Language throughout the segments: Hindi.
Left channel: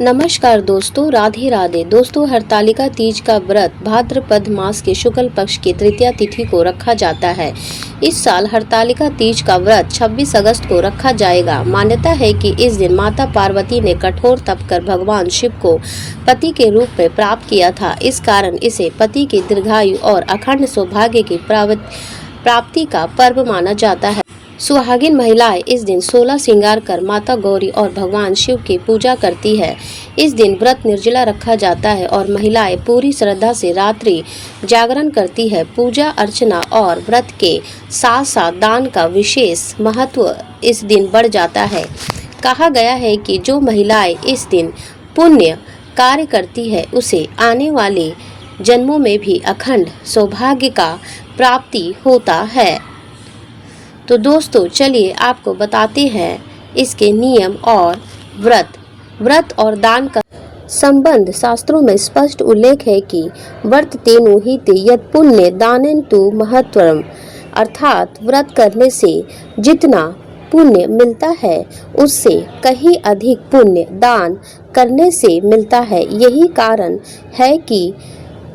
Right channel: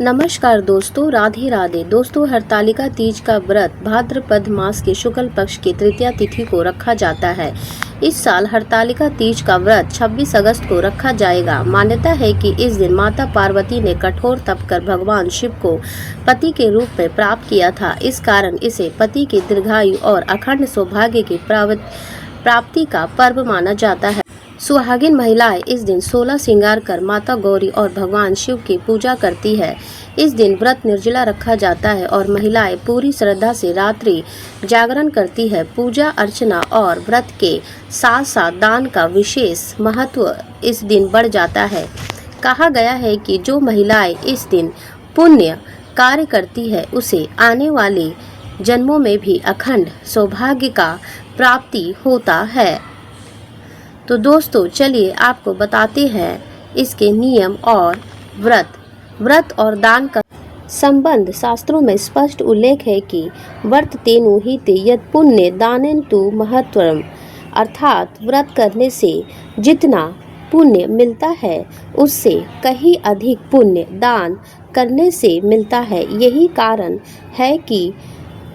नमस्कार दोस्तों, राधे राधे। दोस्तों, हरतालिका तीज का व्रत भाद्रपद मास के शुक्ल पक्ष की तृतीया तिथि को रखा जाता है। इस साल हरतालिका तीज का व्रत 26 अगस्त को रखा जाएगा। मान्यता है कि इस दिन माता पार्वती ने कठोर तप कर भगवान शिव को पति के रूप में प्राप्त किया था। इस कारण इसे पति की दीर्घायु और अखंड सौभाग्य की प्राप्ति का पर्व माना जाता है। सुहागिन महिलाएं इस दिन 16 श्रृंगार कर माता गौरी और भगवान शिव की पूजा करती है। इस दिन व्रत निर्जला रखा जाता है और महिलाएं पूरी श्रद्धा से रात्रि जागरण करती है। पूजा अर्चना और व्रत के साथ साथ दान का विशेष महत्व इस दिन बढ़ जाता है। कहा गया है कि जो महिलाएं इस दिन पुण्य कार्य करती है उसे आने वाले जन्मों में भी अखंड सौभाग्य का प्राप्ति होता है। तो दोस्तों, चलिए आपको बताते हैं इसके नियम और व्रत और दान का संबंध। शास्त्रों में स्पष्ट उल्लेख है कि व्रत तेनु हिते यत् पुण्य दानेन तु महत्वम, अर्थात व्रत करने से जितना पुण्य मिलता है उससे कहीं अधिक पुण्य दान करने से मिलता है। यही कारण है कि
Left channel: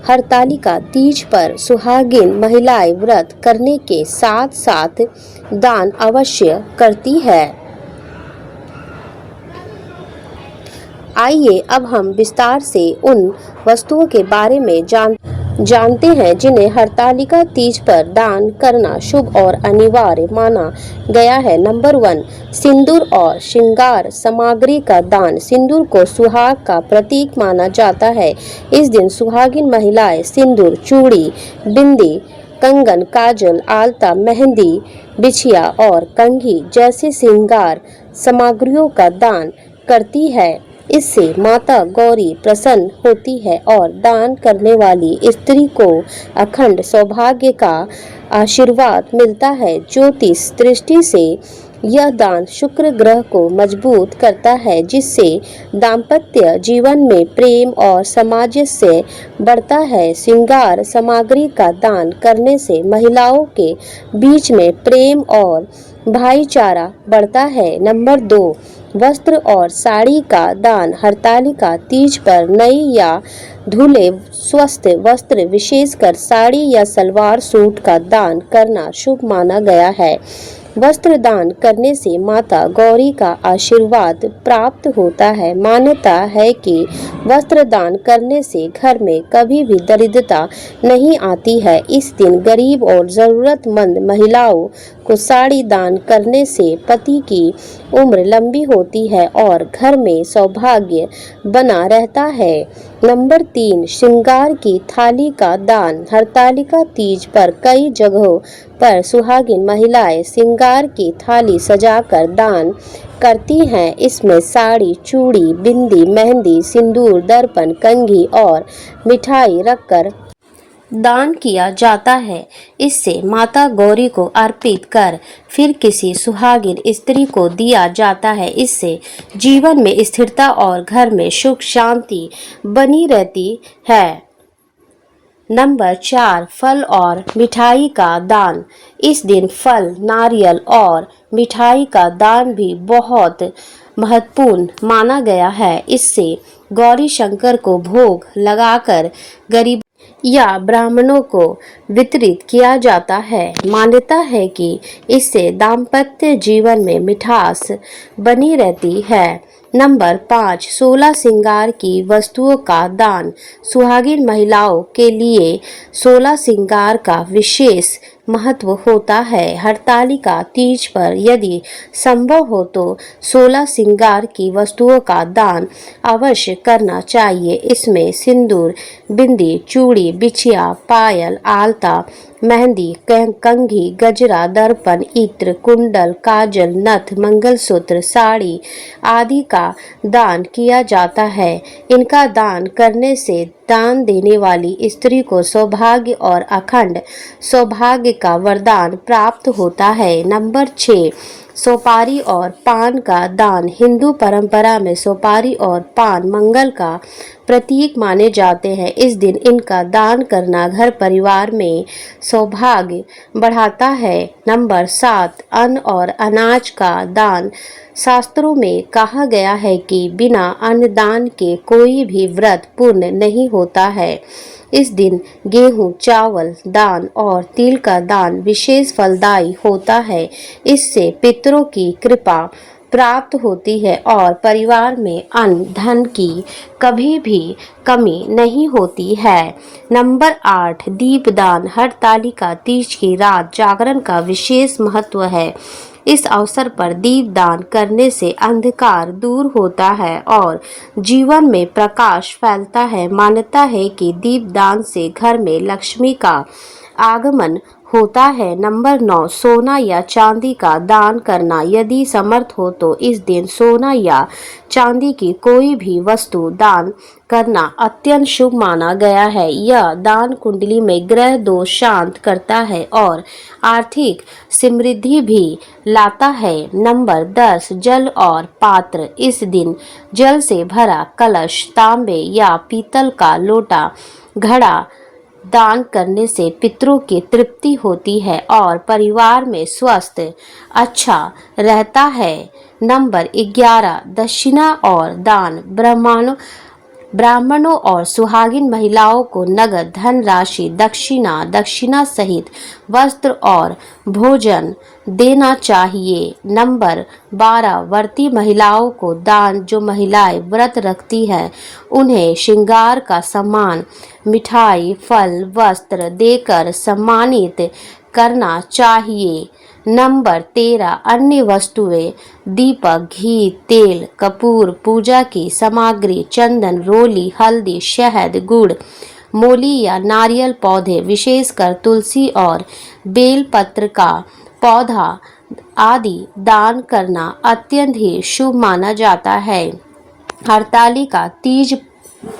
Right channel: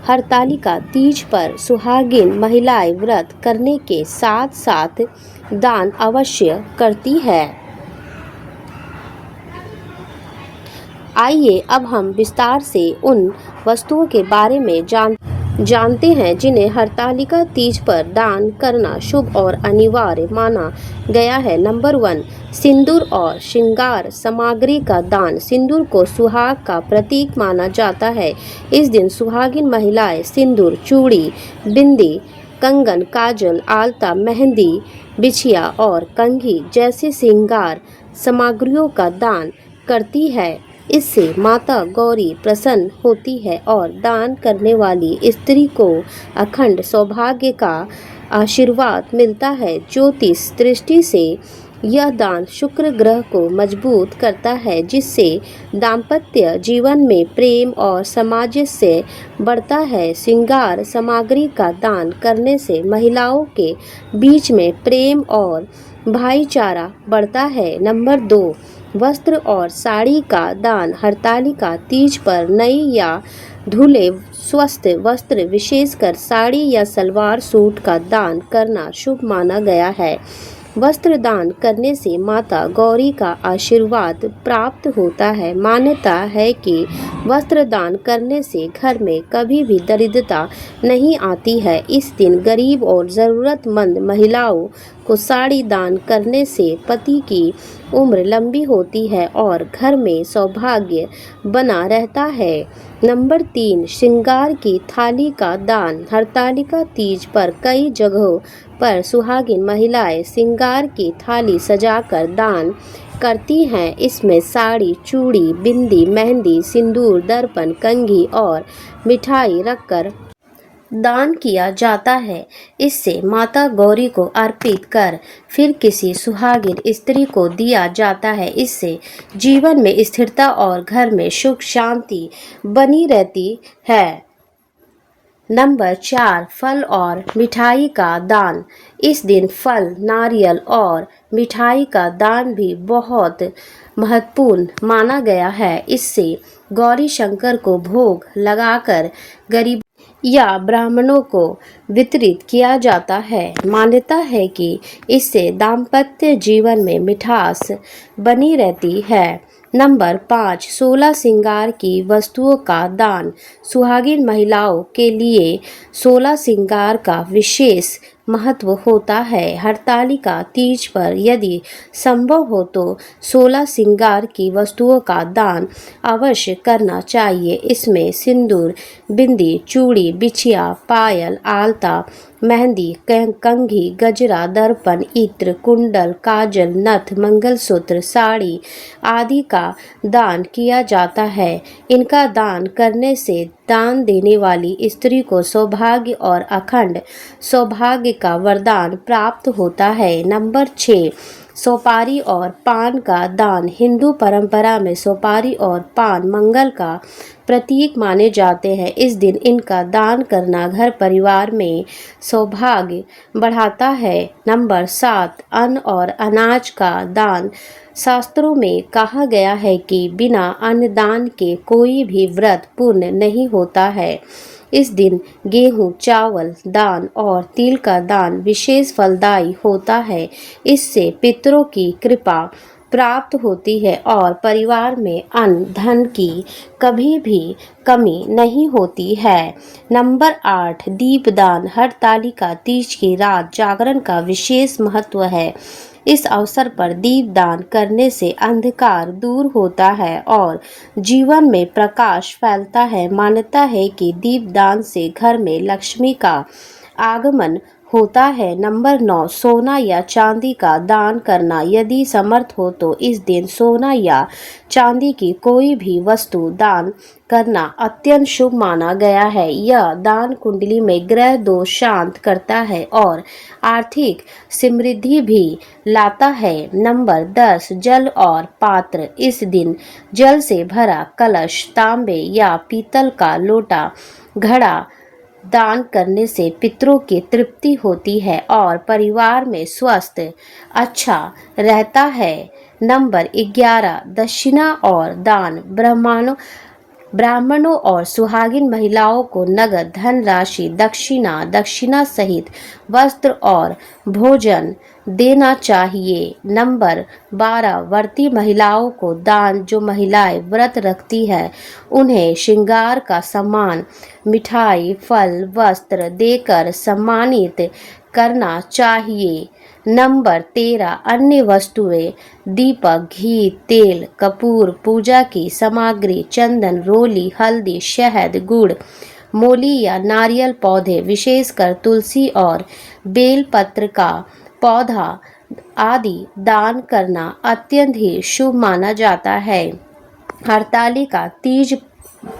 हरतालिका तीज पर सुहागिन महिलाएं व्रत करने के साथ साथ दान अवश्य करती है। आइए अब हम विस्तार से उन वस्तुओं के बारे में जानते हैं जिन्हें हरतालिका तीज पर दान करना शुभ और अनिवार्य माना गया है। नंबर 1, सिंदूर और श्रृंगार सामग्री का दान। सिंदूर को सुहाग का प्रतीक माना जाता है। इस दिन सुहागिन महिलाएं सिंदूर, चूड़ी, बिंदी, कंगन, काजल, आलता, मेहंदी, बिछिया और कंघी जैसे श्रृंगार सामग्रियों का दान करती है। इससे माता गौरी प्रसन्न होती है और दान करने वाली स्त्री को अखंड सौभाग्य का आशीर्वाद मिलता है। ज्योतिष दृष्टि से यह दान शुक्र ग्रह को मजबूत करता है, जिससे दाम्पत्य जीवन में प्रेम और सामंजस्य बढ़ता है। श्रृंगार सामग्री का दान करने से महिलाओं के बीच में प्रेम और भाईचारा बढ़ता है। नंबर 2, वस्त्र और साड़ी का दान। हरतालिका तीज पर नई या धुले स्वस्थ वस्त्र, विशेषकर साड़ी या सलवार सूट का दान करना शुभ माना गया है। वस्त्र दान करने से माता गौरी का आशीर्वाद प्राप्त होता है। मान्यता है कि वस्त्र दान करने से घर में कभी भी दरिद्रता नहीं आती है। इस दिन गरीब और ज़रूरतमंद महिलाओं को साड़ी दान करने से पति की उम्र लंबी होती है और घर में सौभाग्य बना रहता है। नंबर 3, श्रृंगार की थाली का दान। हरतालिका तीज पर कई जगहों पर सुहागिन महिलाएं श्रृंगार की थाली सजाकर दान करती हैं। इसमें साड़ी, चूड़ी, बिंदी, मेहंदी, सिंदूर, दर्पण, कंघी और मिठाई रखकर दान किया जाता है। इससे माता गौरी को अर्पित कर फिर किसी सुहागिन स्त्री को दिया जाता है। इससे जीवन में स्थिरता और घर में सुख शांति बनी रहती है। नंबर 4, फल और मिठाई का दान। इस दिन फल, नारियल और मिठाई का दान भी बहुत महत्वपूर्ण माना गया है। इससे गौरी शंकर को भोग लगाकर गरीब या ब्राह्मणों को वितरित किया जाता है। मान्यता है कि इससे दाम्पत्य जीवन में मिठास बनी रहती है। नंबर 5, 16 श्रृंगार की वस्तुओं का दान। सुहागिन महिलाओं के लिए 16 श्रृंगार का विशेष महत्व होता है। हरतालिका तीज पर यदि संभव हो तो 16 श्रृंगार की वस्तुओं का दान अवश्य करना चाहिए। इसमें सिंदूर, बिंदी, चूड़ी, बिछिया, पायल, आलता, मेहंदी, कंघी, गजरा, दर्पण, इत्र, कुंडल, काजल, नथ, मंगलसूत्र, साड़ी आदि का दान किया जाता है। इनका दान करने से दान देने वाली स्त्री को सौभाग्य और अखंड सौभाग्य का वरदान प्राप्त होता है। नंबर 6, सुपारी और पान का दान। हिंदू परंपरा में सुपारी और पान मंगल का प्रतीक माने जाते हैं। इस दिन इनका दान करना घर परिवार में सौभाग्य बढ़ाता है। नंबर 7, अन्न और अनाज का दान। शास्त्रों में कहा गया है कि बिना अन्नदान के कोई भी व्रत पूर्ण नहीं होता है। इस दिन गेहूं, चावल दान और तिल का दान विशेष फलदायी होता है। इससे पितरों की कृपा प्राप्त होती है और परिवार में अन्न धन की कभी भी कमी नहीं होती है। नंबर 8, दीपदान। हरतालिका तीज की रात जागरण का विशेष महत्व है। इस अवसर पर दीपदान करने से अंधकार दूर होता है और जीवन में प्रकाश फैलता है। मान्यता है कि दीपदान से घर में लक्ष्मी का आगमन होता है। नंबर 9, सोना या चांदी का दान करना। यदि समर्थ हो तो इस दिन सोना या चांदी की कोई भी वस्तु दान करना अत्यंत शुभ माना गया है। यह दान कुंडली में ग्रह दोष शांत करता है और आर्थिक समृद्धि भी लाता है। नंबर 10, जल और पात्र। इस दिन जल से भरा कलश, तांबे या पीतल का लोटा, घड़ा दान करने से पितरों की तृप्ति होती है और परिवार में स्वास्थ्य अच्छा रहता है। नंबर 11, दक्षिणा और दान। ब्राह्मणों और सुहागिन महिलाओं को नगद धन राशि, दक्षिणा सहित वस्त्र और भोजन देना चाहिए। नंबर 12, व्रती महिलाओं को दान। जो महिलाएं व्रत रखती है उन्हें श्रृंगार का सामान, मिठाई, फल, वस्त्र देकर सम्मानित करना चाहिए। नंबर 13, अन्य वस्तुएं। दीपक, घी, तेल, कपूर, पूजा की सामग्री, चंदन, रोली, हल्दी, शहद, गुड़, मूली या नारियल पौधे, विशेषकर तुलसी और बेलपत्र का पौधा आदि दान करना अत्यंत ही शुभ माना जाता है। हरतालिका तीज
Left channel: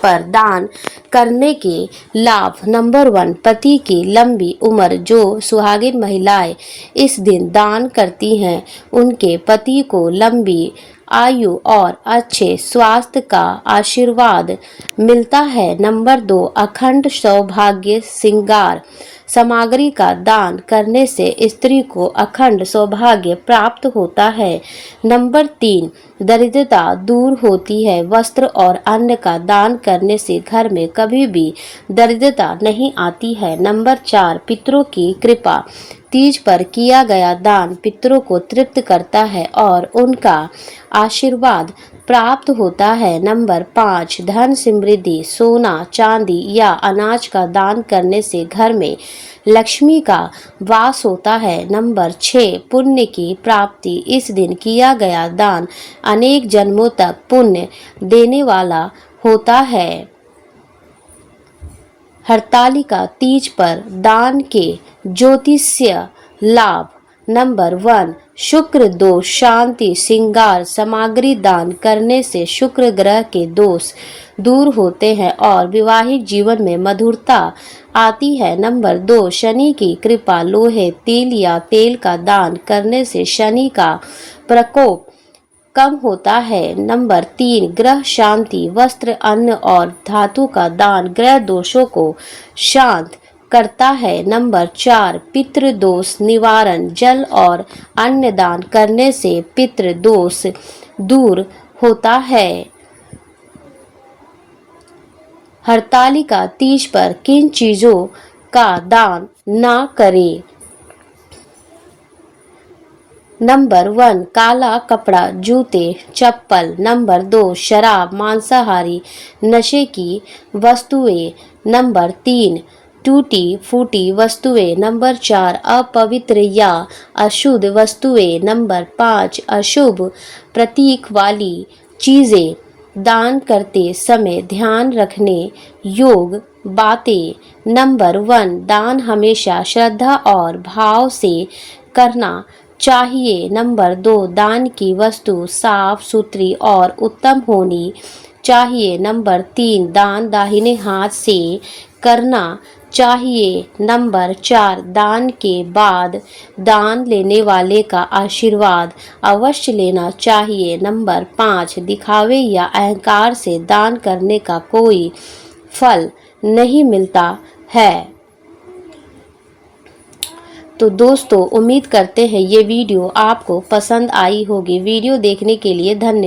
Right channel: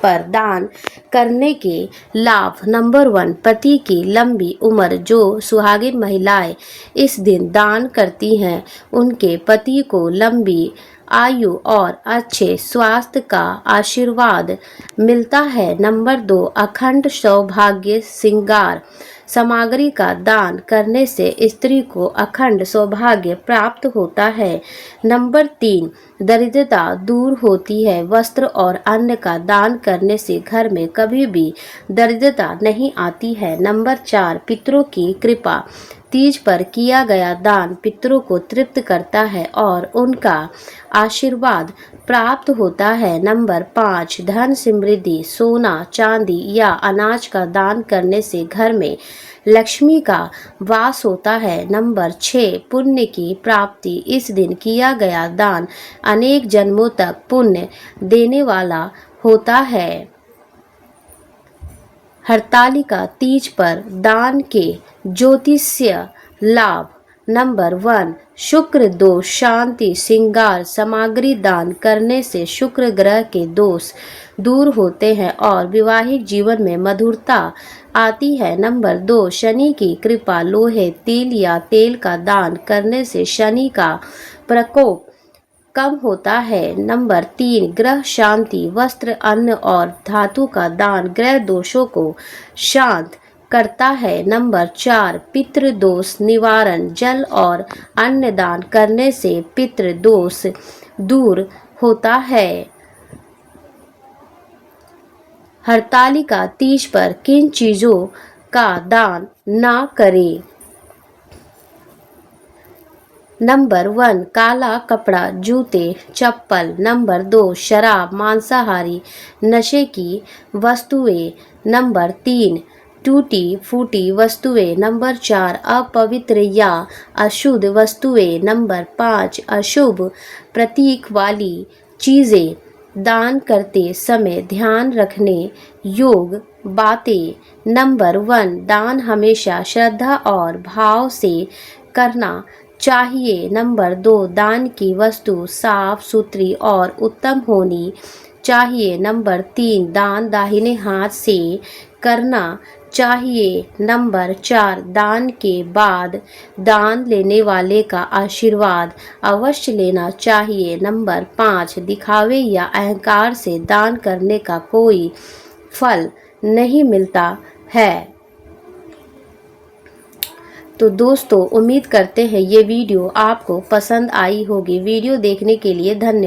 पर दान करने के लाभ। नंबर 1, पति की लंबी उम्र। जो सुहागिन महिलाएं इस दिन दान करती हैं उनके पति को लंबी आयु और अच्छे स्वास्थ्य का आशीर्वाद मिलता है। नंबर 2, अखंड सौभाग्य श्रृंगार सामग्री का दान करने से स्त्री को अखंड सौभाग्य प्राप्त होता है। नंबर 3, दरिद्रता दूर होती है। वस्त्र और अन्न का दान करने से घर में कभी भी दरिद्रता नहीं आती है। नंबर 4, पितरों की कृपा। तीज पर किया गया दान पितरों को तृप्त करता है और उनका आशीर्वाद प्राप्त होता है। नंबर 5, धन समृद्धि। सोना, चांदी या अनाज का दान करने से घर में लक्ष्मी का वास होता है। नंबर 6, पुण्य की प्राप्ति। इस दिन किया गया दान अनेक जन्मों तक पुण्य देने वाला होता है। हरतालिका तीज पर दान के ज्योतिषीय लाभ। नंबर 1, शुक्र दोष शांति। श्रृंगार सामग्री दान करने से शुक्र ग्रह के दोष दूर होते हैं और वैवाहिक जीवन में मधुरता आती है। नंबर 2, शनि की कृपा। लोहे, तिल या तेल का दान करने से शनि का प्रकोप कम होता है। नंबर 3, ग्रह शांति। वस्त्र, अन्न और धातु का दान ग्रह दोषों को शांत करता है। नंबर 4, पितृ दोष निवारण। जल और अन्न दान करने से पितृ दोष दूर होता है। हरतालिका तीज पर किन चीजों का दान ना करें? नंबर 1, काला कपड़ा, जूते, चप्पल। नंबर 2, शराब, मांसाहारी, नशे की वस्तुएं। नंबर 3, टूटी फूटी वस्तुएं। नंबर 4, अपवित्र या अशुद्ध वस्तुएं। नंबर 5, अशुभ प्रतीक वाली चीजें। दान करते समय ध्यान रखने योग्य बातें। नंबर 1, दान हमेशा श्रद्धा और भाव से करना चाहिए। नंबर 2, दान की वस्तु साफ सुथरी और उत्तम होनी चाहिए। नंबर 3, दान दाहिने हाथ से करना चाहिए। नंबर 4, दान के बाद दान लेने वाले का आशीर्वाद अवश्य लेना चाहिए। नंबर 5, दिखावे या अहंकार से दान करने का कोई फल नहीं मिलता है। तो दोस्तों उम्मीद करते हैं ये वीडियो आपको पसंद आई होगी। वीडियो देखने के लिए धन्यवाद।